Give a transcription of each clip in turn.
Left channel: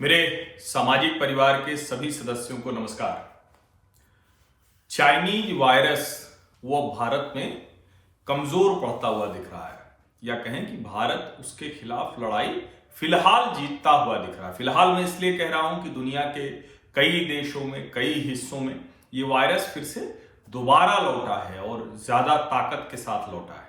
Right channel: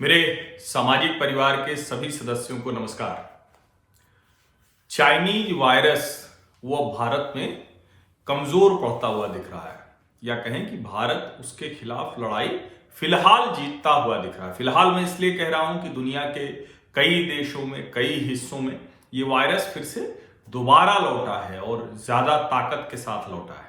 मेरे सामाजिक परिवार के सभी सदस्यों को नमस्कार। चाइनीज वायरस वो भारत में कमजोर पड़ता हुआ दिख रहा है, या कहें कि भारत उसके खिलाफ लड़ाई फिलहाल जीतता हुआ दिख रहा है। फिलहाल मैं इसलिए कह रहा हूं कि दुनिया के कई देशों में, कई हिस्सों में ये वायरस फिर से दोबारा लौटा है और ज्यादा ताकत के साथ लौटा है।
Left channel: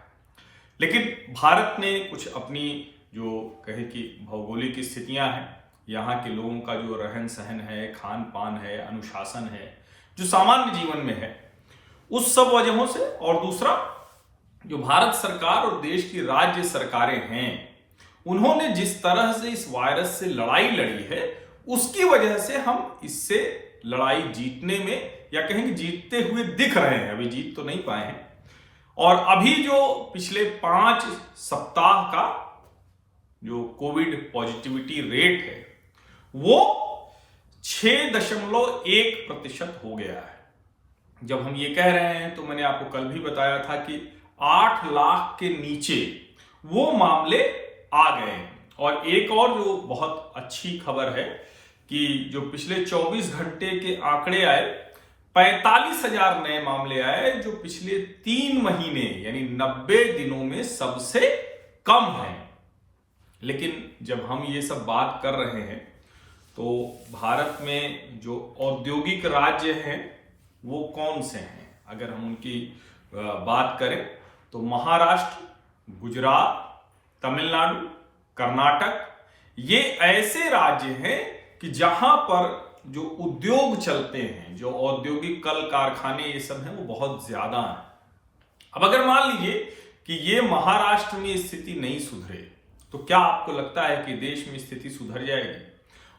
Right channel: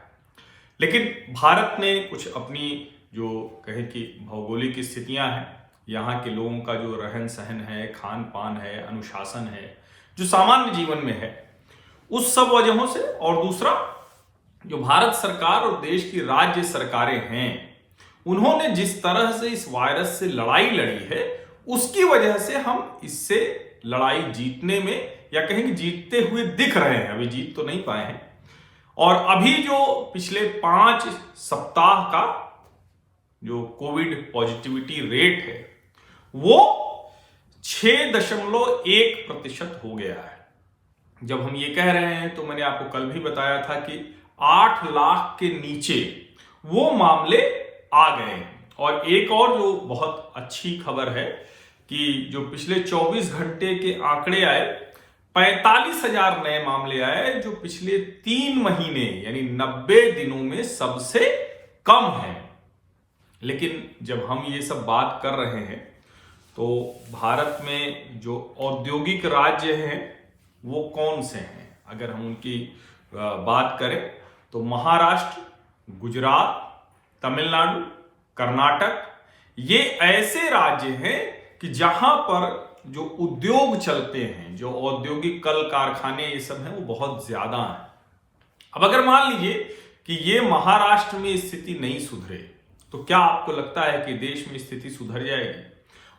लेकिन भारत ने कुछ अपनी जो कहें कि भौगोलिक स्थितियां हैं, यहाँ के लोगों का जो रहन सहन है, खान पान है, अनुशासन है, जो सामान्य जीवन में है, उस सब वजहों से, और दूसरा जो भारत सरकार और देश की राज्य सरकारें हैं, उन्होंने जिस तरह से इस वायरस से लड़ाई लड़ी है, उसकी वजह से हम इससे लड़ाई जीतने में, या कहें कि जीतते हुए दिख रहे हैं। अभी जीत तो नहीं पाए हैं। और अभी जो पिछले 5 सप्ताह का जो कोविड पॉजिटिविटी रेट है वो 6.1% हो गया है। जब हम ये कह रहे हैं तो मैंने आपको कल भी बताया था कि 8 लाख के नीचे वो मामले आ गए हैं। और एक और जो बहुत अच्छी खबर है कि जो पिछले 24 घंटे के आंकड़े आए, 45,000 नए मामले आए, जो पिछले 3 महीने यानी 90 दिनों में सबसे कम है। लेकिन जब हम ये सब बात कर रहे हैं तो भारत में जो औद्योगिक राज्य हैं वो कौन से हैं? अगर हम उनकी बात करें तो महाराष्ट्र, गुजरात, तमिलनाडु, कर्नाटक, ये ऐसे राज्य हैं कि जहां पर जो उद्योग चलते हैं, जो औद्योगिक कल कारखाने ये सब हैं, वो बहुत ज्यादा हैं। अब अगर मान लीजिए कि ये महाराष्ट्र में स्थिति नहीं सुधरे तो क्या आपको लगता है कि देश में स्थिति सुधर जाएगी?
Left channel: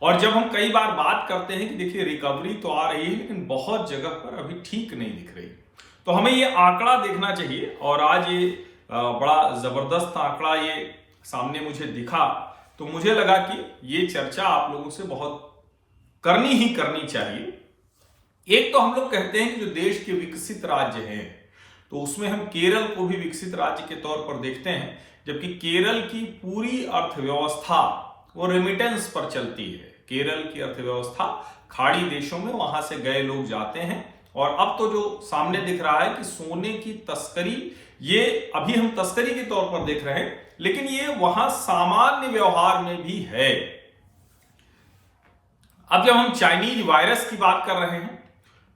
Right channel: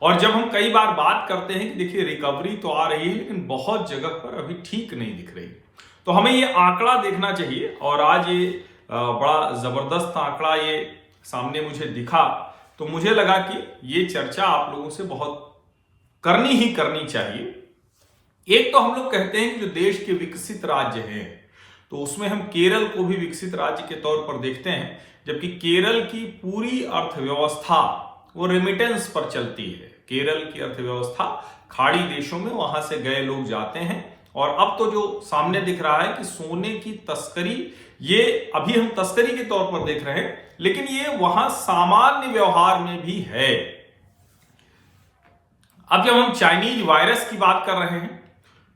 और जब हम कई बार बात करते हैं कि देखिए रिकवरी तो आ रही है लेकिन बहुत जगह पर अभी ठीक नहीं दिख रही, तो हमें ये आंकड़ा देखना चाहिए। और आज ये बड़ा जबरदस्त आंकड़ा ये सामने मुझे दिखा, तो मुझे लगा कि ये चर्चा आप लोगों से बहुत करनी ही करनी चाहिए। एक तो हम लोग कहते हैं कि जो देश के विकसित राज्य हैं, तो उसमें हम केरल को भी विकसित राज्य के तौर पर देखते हैं, जबकि केरल की पूरी अर्थव्यवस्था वो रेमिटेंस पर चलती है। केरल की अर्थव्यवस्था खाड़ी देशों में, वहां से गए लोग जाते हैं। और अब तो जो सामने दिख रहा है कि सोने की तस्करी, ये अभी हम तस्करी के तौर पर देख रहे हैं, लेकिन ये वहां सामान्य व्यवहार में भी है। अब जब हम चाइनीज वायरस की बात कर रहे हैं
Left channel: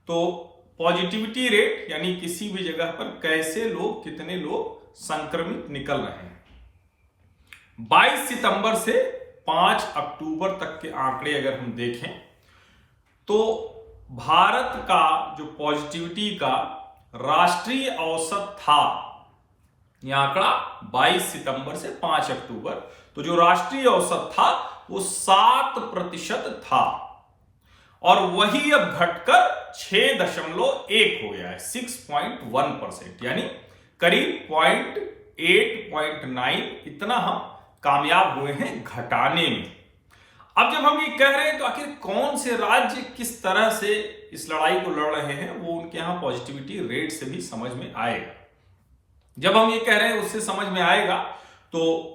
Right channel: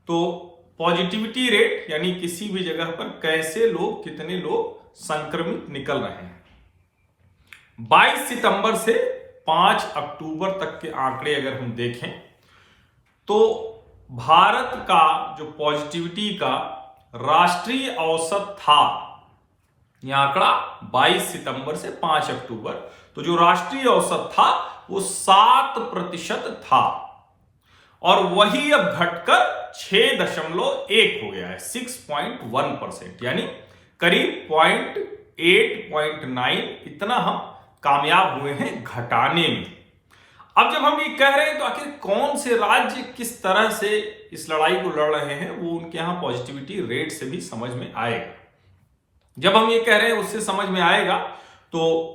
तो पॉजिटिविटी रेट यानी किसी भी जगह पर कैसे लोग, कितने लोग संक्रमित निकल रहे हैं, 22 सितंबर से 5 अक्टूबर तक के आंकड़े अगर हम देखें तो भारत का जो पॉजिटिविटी का राष्ट्रीय औसत था, यह आंकड़ा 22 सितंबर से 5 अक्टूबर, तो जो राष्ट्रीय औसत था वो 7% था, और वही अब घटकर 6.1 हो गया है, 6.1%, यानी करीब 0.8-0.9 इतना हम कामयाब हुए हैं घटाने में। अब जब हम ये कह रहे हैं तो आखिर कौन से राज्य किस तरह से इस लड़ाई को लड़ रहे हैं, वो उनके यहां पॉजिटिविटी रेट से भी समझ में आएगा। जब हम ये कह रहे हैं उससे समझ में आएगा, तो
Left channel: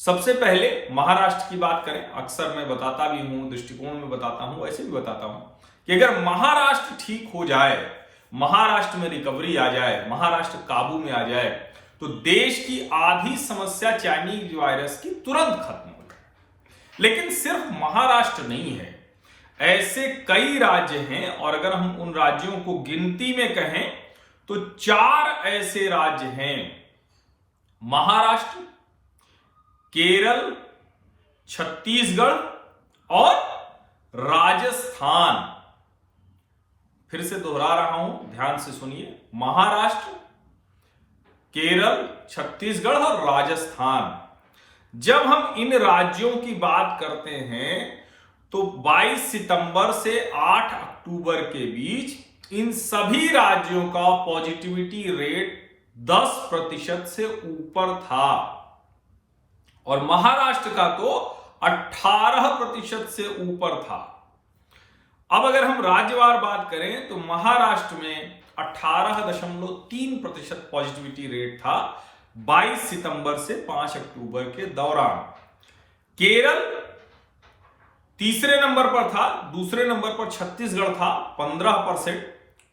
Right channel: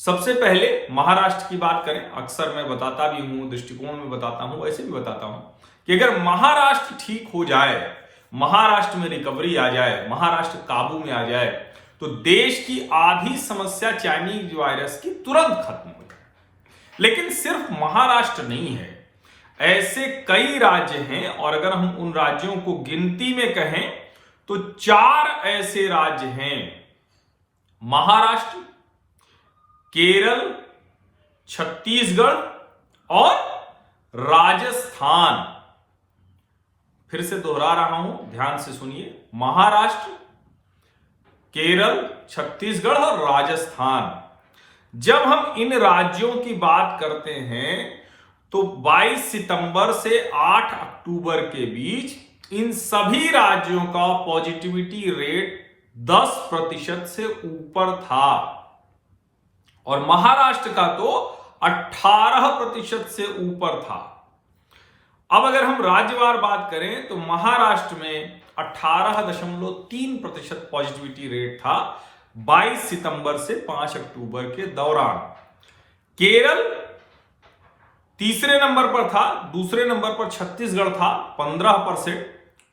सबसे पहले महाराष्ट्र की बात करें। अक्सर मैं बताता भी हूं, दृष्टिकोण में बताता हूं, वैसे भी बताता हूं कि अगर महाराष्ट्र ठीक हो जाए, महाराष्ट्र में रिकवरी आ जाए, महाराष्ट्र काबू में आ जाए, तो देश की आधी समस्या चाइनीज वायरस की तुरंत खत्म हो जाए। लेकिन सिर्फ महाराष्ट्र नहीं है, ऐसे कई राज्य हैं, और अगर हम उन राज्यों को गिनती में कहें तो 4 ऐसे राज्य हैं, महाराष्ट्र, केरल, छत्तीसगढ़ और राजस्थान। फिर से दोहरा रहा हूं, ध्यान से सुनिए, महाराष्ट्र, केरल, छत्तीसगढ़ और राजस्थान। जब हम इन राज्यों की बात करते हैं तो 22 सितंबर से 8 अक्टूबर के बीच इन सभी राज्यों का पॉजिटिविटी रेट 10% से ऊपर था, और महाराष्ट्र का तो 18% से ऊपर था। अब अगर हम राज्यवार बात करें तो महाराष्ट्र में 18.3% पॉजिटिविटी रेट था 22 सितंबर से 5 अक्टूबर के दौरान। केरल तीसरे नंबर पर था, दूसरे नंबर पर छत्तीसगढ़ था 15%,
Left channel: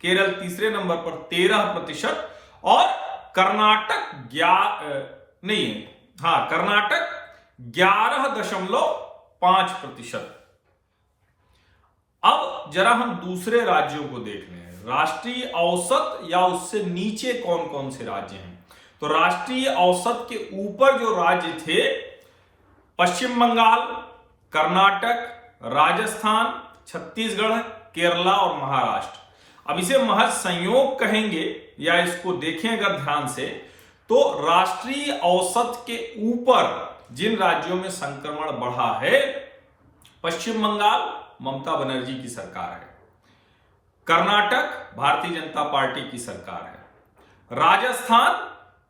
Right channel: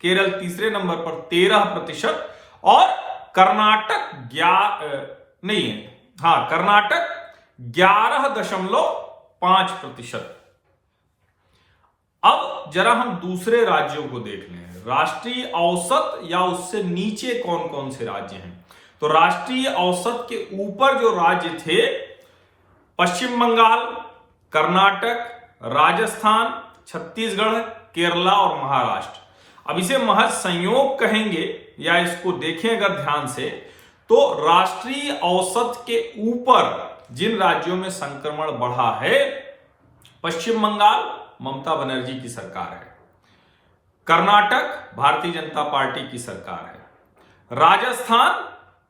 केरल तीसरे नंबर पर 13% और कर्नाटक नहीं है, हाँ कर्नाटक 11.5%। अब जरा हम दूसरे राज्यों को देख लें, राष्ट्रीय औसत या उससे नीचे कौन कौन से राज्य हैं। तो राष्ट्रीय औसत के ऊपर जो राज्य थे, पश्चिम बंगाल, कर्नाटक, राजस्थान, छत्तीसगढ़, केरला और महाराष्ट्र। अब इसे महज संयोग कहेंगे या इसको देखें अगर ध्यान से, तो राष्ट्रीय औसत के ऊपर जिन राज्यों में संक्रमण बढ़ा है, पश्चिम बंगाल ममता बनर्जी की सरकार है, कर्नाटक भारतीय जनता पार्टी की सरकार है, राजस्थान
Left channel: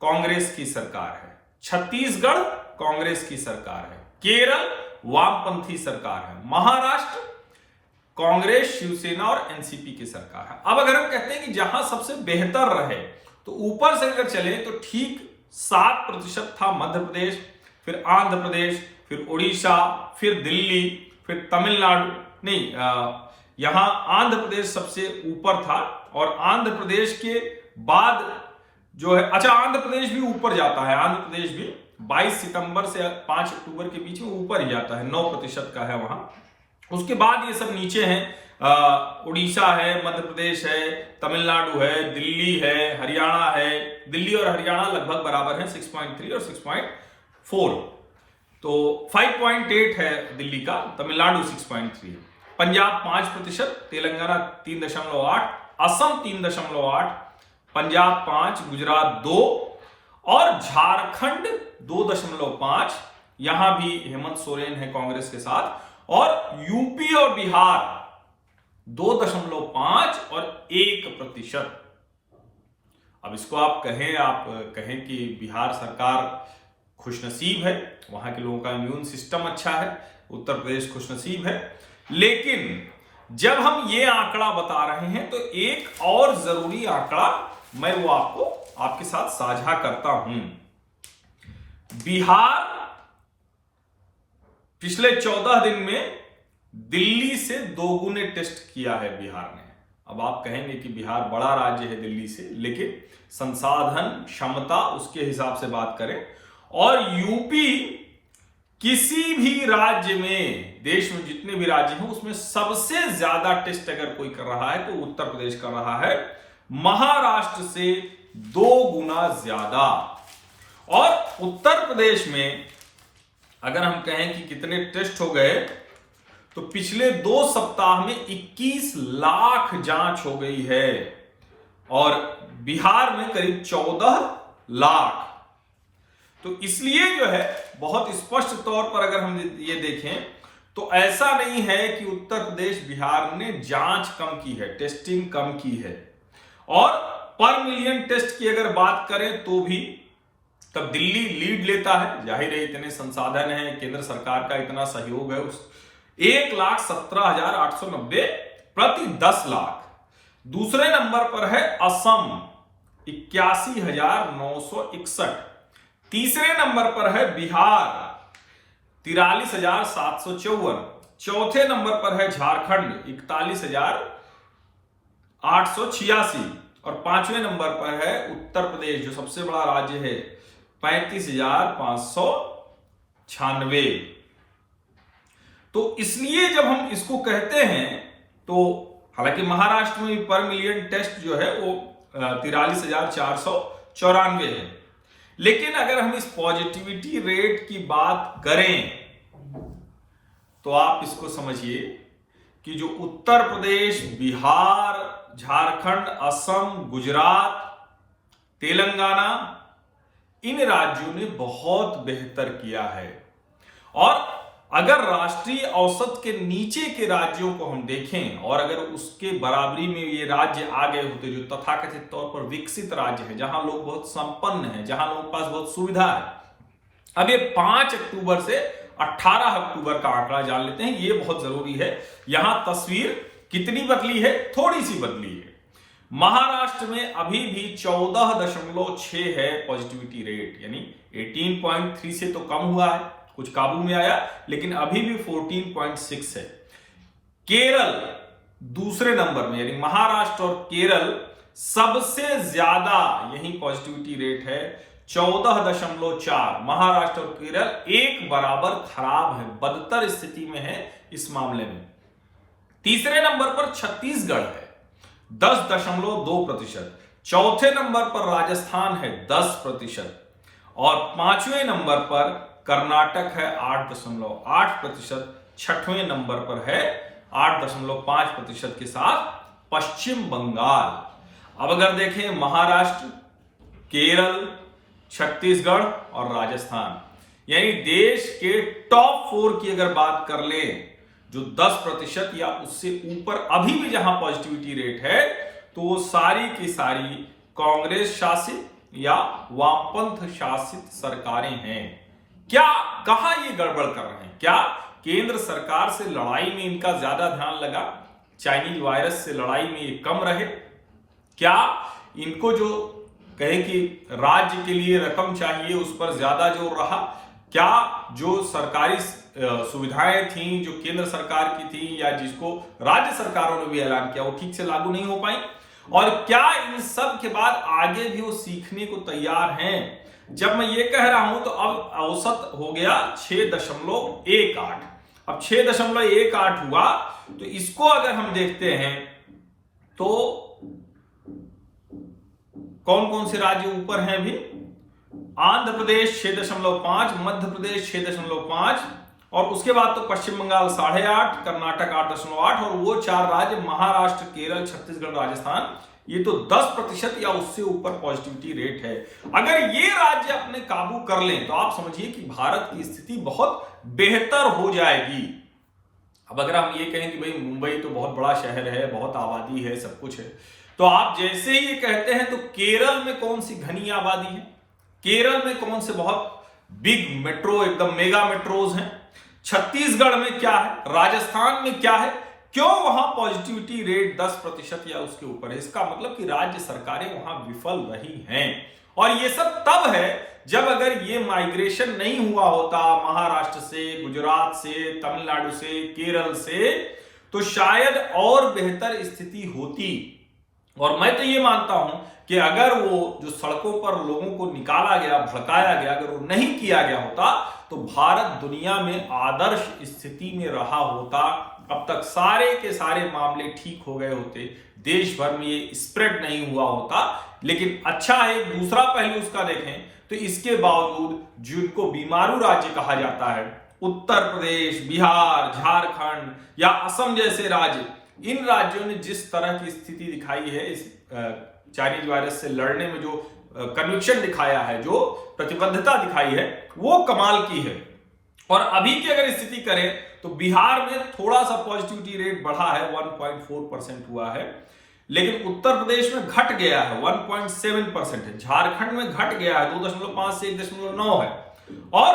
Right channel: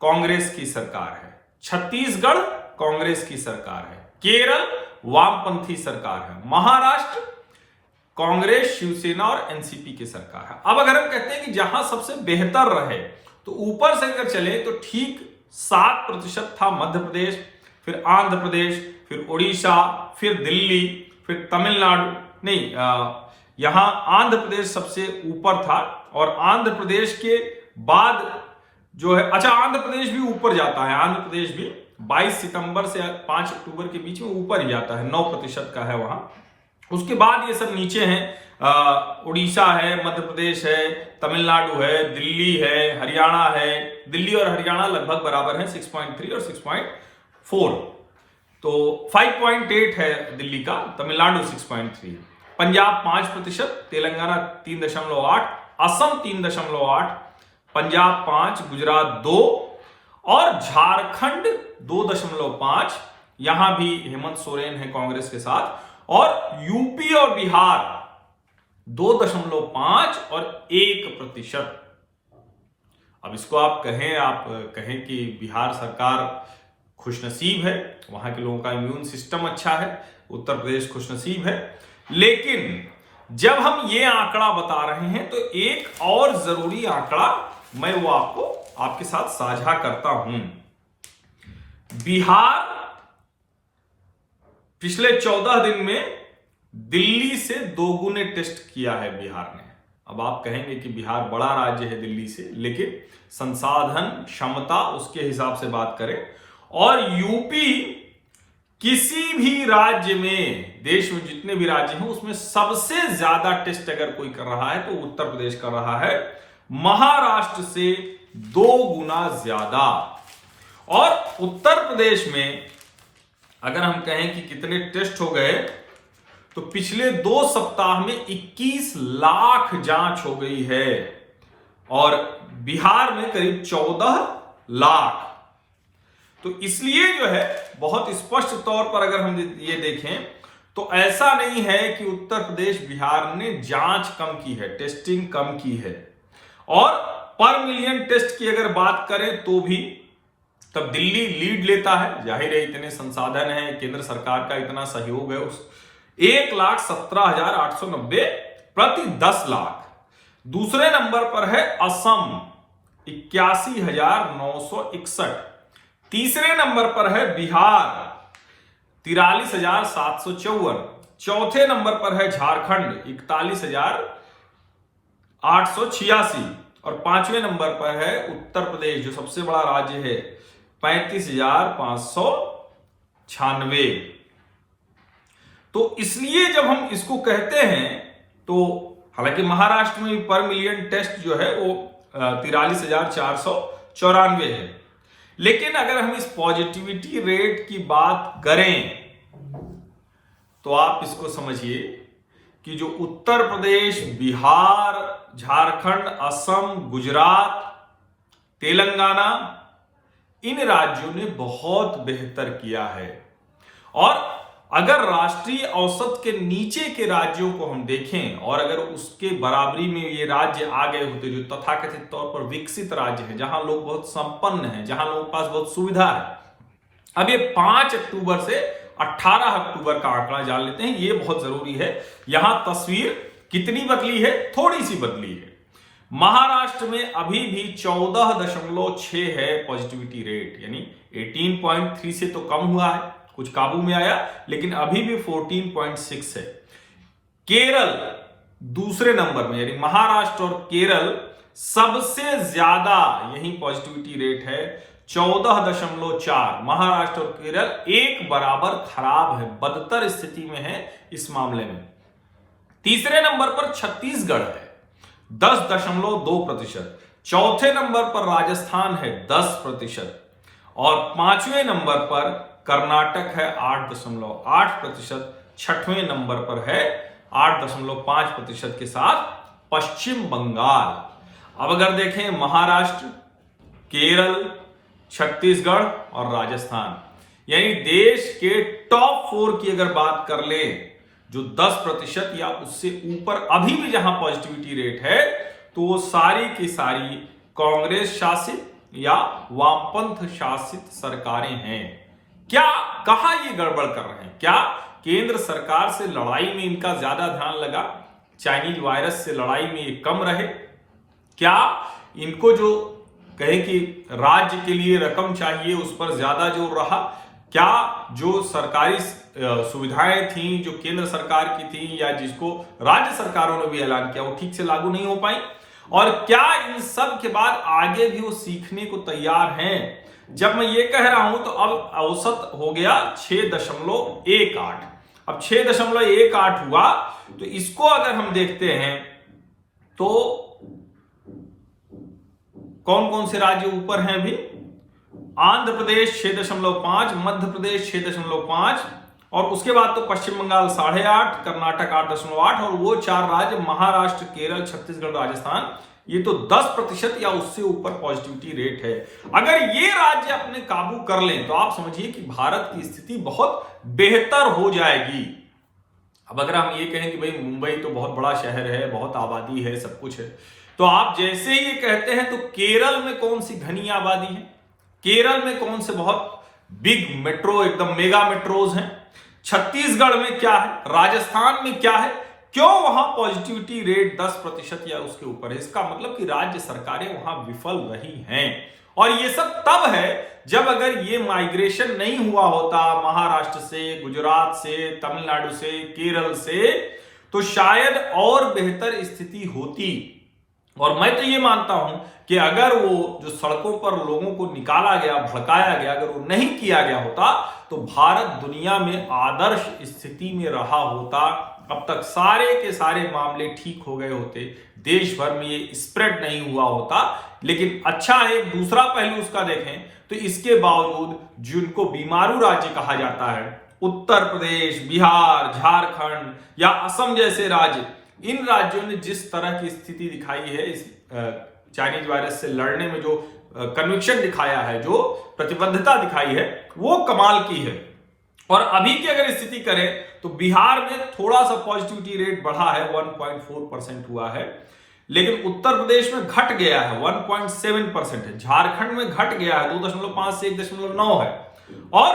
कांग्रेस की सरकार है, छत्तीसगढ़ कांग्रेस की सरकार है, केरल वामपंथी सरकार है, महाराष्ट्र कांग्रेस, शिवसेना और एनसीपी की सरकार है। अब अगर हम कहते हैं कि जहां सबसे बेहतर रहे, तो ऊपर से अगर चले तो ठीक 7% था मध्य प्रदेश, फिर आंध्र प्रदेश, फिर उड़ीसा, फिर दिल्ली, फिर तमिलनाडु, नहीं यहां आंध्र प्रदेश सबसे ऊपर था और आंध्र प्रदेश के बाद जो है, अच्छा आंध्र प्रदेश भी ऊपर जाता है, आंध्र प्रदेश भी 22 सितंबर से 5 अक्टूबर के बीच में ऊपर ही जाता है, 9% का है वहां। उसके बाद ये सब नीचे हैं, उड़ीसा है, मध्य प्रदेश है, तमिलनाडु है, दिल्ली है, हरियाणा है। दिल्ली और हरियाणा लगभग बराबर है, 6.3 और 6.4, तो 5.8 है दिल्ली का, तमिलनाडु 6.3, पंजाब 5%, तेलंगाना 3.8, असम 3.8, पंजाब 5, गुजरात 2 और झारखंड 2.5, यहां भी हेमंत सोरेन है कांग्रेस के साथ, और यूपी और बिहार 2.5 और 1%। अब इसको आप कहें कि बिहार सरकार खुशनसीब है, वहां के लोगों का इम्यून सिस्टम अच्छा है, उत्तर प्रदेश खुशनसीब है, लेकिन जब हम ये आंकड़ा बता रहे हैं तो एक और जरूरी आंकड़ा मैं वो आपके साथ साझा करता हूं। बिहार पिछले 14 दिन में दिल्ली से 2 गुने टेस्ट किया है बिहार ने। अब आप कहेंगे कि बिहार बड़ा राज्य है दिल्ली से, लेकिन संसाधन क्षमता उसके हिसाब से बात करें, और यूपी किसी भी राज्य में, देश में जितने भी राज्य हैं उसमें सबसे ज्यादा टेस्ट अगर कोई कर रहा है तो उत्तर प्रदेश कर रहा है, महाराष्ट्र से 2 गुना ज्यादा। और उत्तर प्रदेश में अगर हम कहें कि कितने टेस्ट हो गए, तो पिछले 2 सप्ताह में 21 लाख जांच हो गई है और बिहार में करीब 14 लाख। तो इसलिए जो है बहुत स्पष्ट तौर पर अगर हम ये देखें तो ऐसा नहीं है कि उत्तर प्रदेश बिहार ने जांच कम की है, टेस्टिंग कम की है। और पर मिलियन टेस्ट की अगर बात करें तो भी तब दिल्ली लीड लेता है, जाहिर है इतने संसाधन हैं, केंद्र सरकार का इतना सहयोग है, उस 1,17,890 प्रति 10 लाख। दूसरे नंबर पर है असम 81,961, तीसरे नंबर पर है बिहार 43,754, चौथे नंबर पर है झारखंड 41,886 और 5वें नंबर पर है उत्तर प्रदेश जो सबसे बड़ा राज्य है 35,596। तो इसलिए जब हम इसको कहते हैं तो हालांकि महाराष्ट्र में पर मिलियन टेस्ट जो है वो 43,494 है, लेकिन अगर हम इस पॉजिटिविटी रेट की बात करें तो आप इसको समझिए कि जो उत्तर प्रदेश, बिहार, झारखंड, असम, गुजरात, तेलंगाना, इन राज्यों ने बहुत बेहतर किया है। और अगर राष्ट्रीय औसत के नीचे के राज्यों को हम देखें और अगर उसके बराबरी में ये राज्य आ गए होते जो तथाकथित तौर पर विकसित राज्य हैं, जहां लोग बहुत संपन्न हैं, जहां लोगों के पास बहुत सुविधा है। अब ये 5 अक्टूबर से 18 अक्टूबर का आंकड़ा जान लेते हैं, ये बहुत जरूरी है। यहां तस्वीर कितनी बदली है? थोड़ी सी बदली है। महाराष्ट्र में अभी भी 14.6 है पॉजिटिविटी रेट, यानी 18.3 से तो कम हुआ है कुछ काबू में आया, लेकिन अभी भी 14.6 है। केरल दूसरे नंबर में, यानी महाराष्ट्र और केरल सबसे ज्यादा यही पॉजिटिविटी रेट है 14.4। महाराष्ट्र और केरल एक बराबर खराब है, बदतर स्थिति में है इस मामले में। तीसरे नंबर पर छत्तीसगढ़ है 10.2%। चौथे नंबर पर राजस्थान है 10% और पांचवें नंबर पर कर्नाटक है 8.8%। छठवें नंबर पर है 8.5% के साथ पश्चिम बंगाल। अब अगर देखें महाराष्ट्र, केरल, छत्तीसगढ़ और राजस्थान, यानी देश के टॉप 4 की अगर बात कर ले जो 10% या उससे ऊपर अभी भी जहां पॉजिटिविटी रेट है, तो वो सारी की सारी कांग्रेस शासित या वामपंथ शासित सरकारें हैं। क्या कहां ये गड़बड़ कर रहे हैं? क्या केंद्र सरकार से लड़ाई में इनका ज्यादा ध्यान लगा, चाइनीज वायरस से लड़ाई में ये कम रहे? क्या इनको जो कहे कि राज्य के लिए रकम चाहिए उस पर ज्यादा जोर रहा? क्या जो सरकारी सुविधाएं थी जो केंद्र सरकार की थी या जिसको राज्य सरकारों ने भी ऐलान किया वो ठीक से लागू नहीं हो पाई? और क्या इन सब के बाद आगे भी वो सीखने को तैयार हैं? जब मैं ये कह रहा हूं तो अब औसत हो गया 6.18। अब 6.18 हुआ तो इसको अगर हम देखते हैं तो कौन कौन से राज्य ऊपर हैं अभी? आंध्र प्रदेश 6.5, मध्य प्रदेश 6.5 और उसके बाद तो पश्चिम बंगाल 8.5, कर्नाटक 8.8 और वो 4 राज्य महाराष्ट्र, केरल, छत्तीसगढ़, राजस्थान, ये तो 10% या उससे ऊपर पॉजिटिविटी रेट है। अगर ये राज्य अपने काबू कर लें तो आप समझिए कि भारत की स्थिति बहुत बेहतर हो जाएगी। अब अगर हम ये कहें कि भाई मुंबई तो बहुत बड़ा शहर है, बहुत आबादी है, सब कुछ है, तो आप जैसे ही ये कहते हैं तो केरल में कौन सी घनी आबादी है, केरल में कौन से बहुत बिग मेट्रो, एकदम मेगा मेट्रोज हैं, छत्तीसगढ़ में क्या है, राजस्थान में क्या है, क्यों वहां पॉजिटिविटी रेट 10% या उसके ऊपर है? इसका मतलब कि राज्य सरकारें वहां विफल रही हैं। और ये सब तब है जब अगर ये माइग्रेशन नहीं हुआ होता महाराष्ट्र से, गुजरात से, तमिलनाडु से, केरल से, तो शायद और बेहतर स्थिति होती। और मैं तो ये मानता हूं कि अगर वो जो सड़कों पर लोगों को निकाला गया, भड़काया गया, अगर वो नहीं किया गया होता तो भारत दुनिया में आदर्श स्थिति में रहा होता। अब तक सारे के सारे मामले ठीक हो गए होते, देश भर में ये स्प्रेड नहीं हुआ होता। लेकिन अच्छा है, एक दूसरा पहलू उसका देखें तो इसके बावजूद जिनको बीमारू राज्य कहा जाता है, उत्तर प्रदेश, बिहार, झारखंड या असम जैसे राज्य, इन राज्यों ने जिस तरह की स्थिति दिखाई है इस चाइनीज वायरस से लड़ने में, जो कन्विक्शन दिखाया है, जो प्रतिबद्धता दिखाई है, वो कमाल की है। और अभी की अगर स्थिति करें तो बिहार में थोड़ा सा पॉजिटिविटी रेट बढ़ा है, 1.4% हुआ है, लेकिन उत्तर प्रदेश में घट गया है, 1.7% है, झारखंड में घट गया है, 2.5 से 1.9 है, और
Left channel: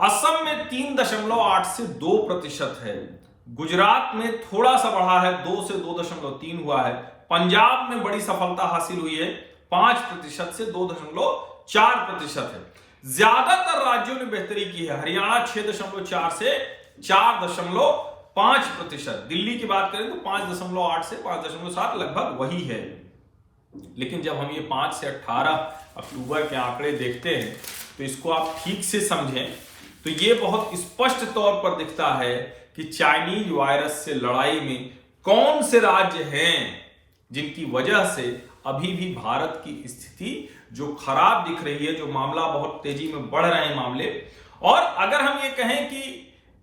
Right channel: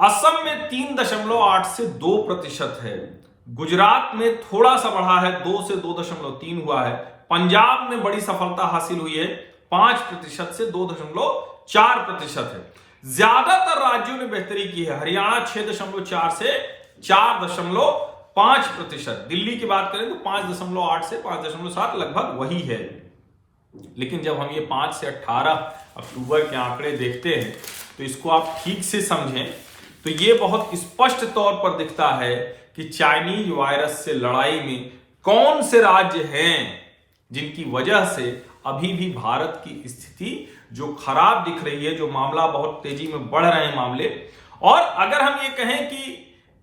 असम में 3.8 से 2% है, गुजरात में थोड़ा सा बढ़ा है, 2 से 2.3 हुआ है, पंजाब में बड़ी सफलता हासिल हुई है, 5% से 2.4% है। ज्यादातर राज्यों ने बेहतरी की है, हरियाणा 6.4 से 4.5%, दिल्ली की बात करें तो 5.8 से 5.7 लगभग वही है। लेकिन जब हम ये 5 से 18 अक्टूबर के आंकड़े देखते हैं तो इसको आप ठीक से समझें तो ये बहुत स्पष्ट तौर पर दिखता है कि चाइनीज वायरस से लड़ाई में कौन से राज्य हैं जिनकी वजह से अभी भी भारत की स्थिति जो खराब दिख रही है, जो मामला बहुत तेजी में बढ़ रहे हैं मामले। और अगर हम ये कहें कि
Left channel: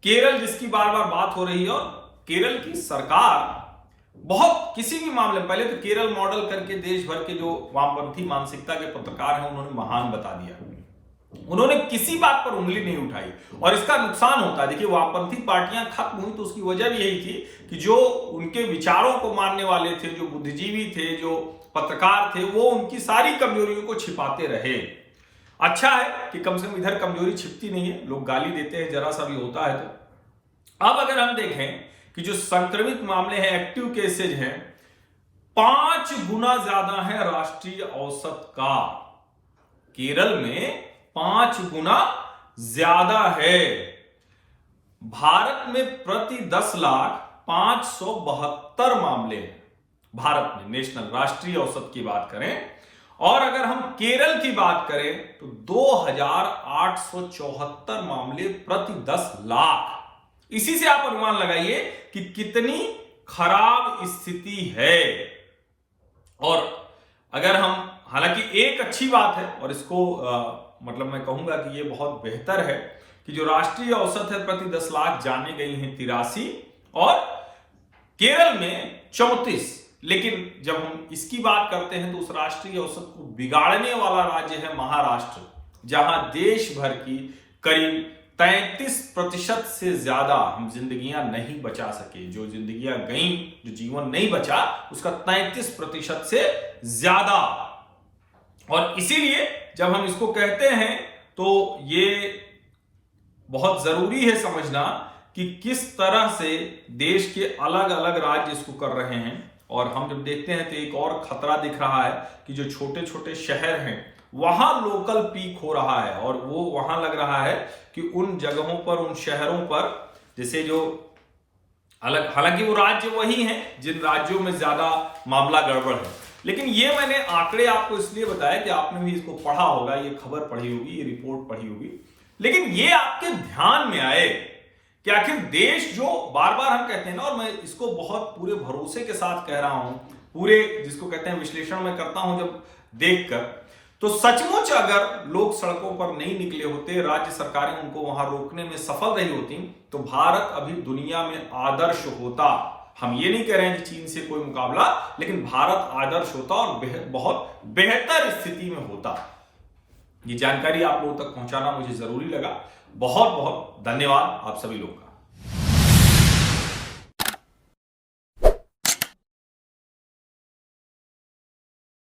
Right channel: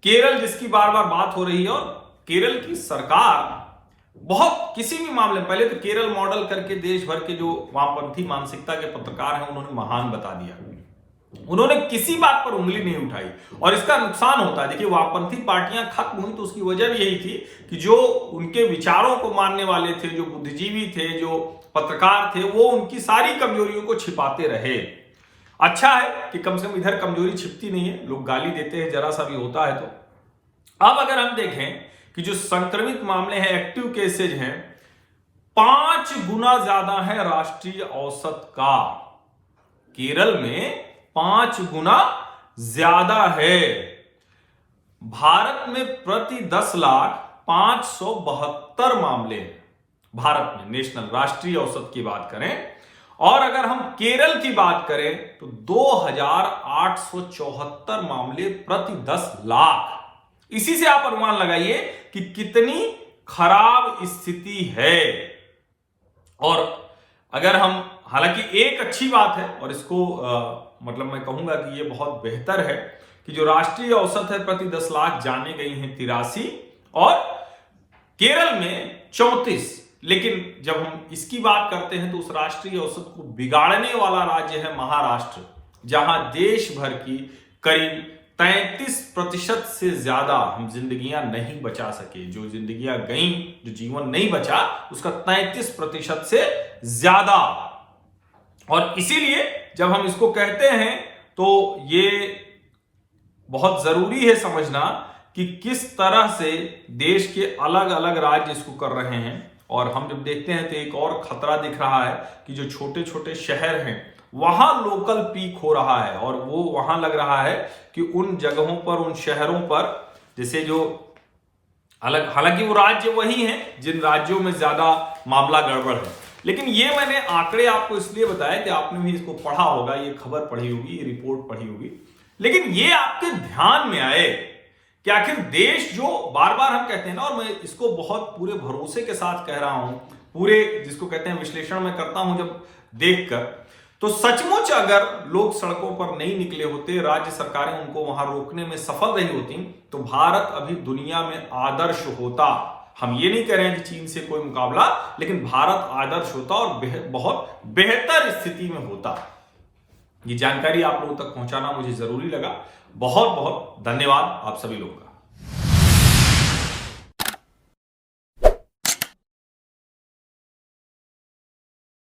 केरल जिसकी बार बार बात हो रही है, और केरल की सरकार बहुत किसी भी मामले में, पहले तो केरल मॉडल करके देश भर के जो वामपंथी मानसिकता के पत्रकार हैं उन्होंने महान बता दिया, उन्होंने किसी बात पर उंगली नहीं उठाई। और इसका नुकसान होता है, देखिए वामपंथी पार्टियां खत्म हुई तो उसकी वजह भी यही थी कि जो उनके विचारों को मानने वाले थे, जो बुद्धिजीवी थे, जो पत्रकार थे, वो उनकी सारी कमजोरियों को छिपाते रहे। अच्छा है कि कम से कम इधर कमजोरी छिपती नहीं है, लोग गाली देते हैं जरा सा भी होता है तो। अब अगर हम देखें कि जो संक्रमित मामले हैं, एक्टिव केसेज हैं, 5 गुना ज्यादा है राष्ट्रीय औसत का। केरल में 5 गुना ज्यादा है। भारत में प्रति 10 लाख 572 मामले हैं। भारत में नेशनल राष्ट्रीय औसत की बात करें, और अगर हम केरल की बात करें तो 2874 मामले प्रति 10 लाख। इसी से आप अनुमान लगाइए कि कितनी खराब स्थिति है। और अगर हम, हालांकि एक अच्छी बात है, और इसको मतलब मैं कहूंगा कि ये बहुत बेहतर है कि जो राष्ट्रीय औसत है प्रति 10 लाख जाने गई हैं 83, और केरल में 34। लेकिन जब हम इसकी बात करते हैं तो उस राष्ट्रीय औसत को बिगाड़ने वाला राज्य है महाराष्ट्र, जहां देश भर की करीब 33% से ज्यादा हम जिंदगियां नहीं बचा सके। जो जिंदगियां गई, जो जीवन नहीं बचा, उसका 33% से ज्यादा। और इसीलिए जब हम इसको कहते हैं तो ये बहुत जरूरी है समझना कि किस तरह से देश के अलग अलग राज्य इसको कर रहे हैं। और हम जब देखते हैं तो एक और खतरा दिख रहा है कि जो छोटे छोटे शहर हैं वहां लोकल पीक हो रहा है, और वो वहां लग रहा है कि उन जगहों पर, उन शहरों पर, जैसे जो अलग, हालांकि वो राज्य वही हैं जिन राज्यों में ज्यादा मामला गड़बड़ है। लेकिन ये मैंने आंकड़े आपको इसलिए बताया कि आपने भी इसको पढ़ा होगा, ये खबर पढ़ी होगी, ये रिपोर्ट पढ़ी होगी, लेकिन ये आपके ध्यान में आए कि आखिर देश जो बार बार हम कहते हैं ना, और मैं इसको बहुत पूरे भरोसे के साथ कह रहा हूं, पूरे जिसको कहते हैं विश्लेषण में करता हूं जब देखकर, तो सचमुच अगर लोग सड़कों पर नहीं निकले होते, राज्य सरकारें उनको वहां रोकने में सफल रही होती, तो भारत अभी दुनिया में आदर्श होता। हम ये नहीं कह रहे हैं कि चीन से कोई मुकाबला, लेकिन भारत आदर्श होता और बहुत बेहतर स्थिति में होता। ये जानकारी आप लोगों तक पहुंचाना मुझे जरूरी लगा। बहुत बहुत धन्यवाद आप सभी लोगों का।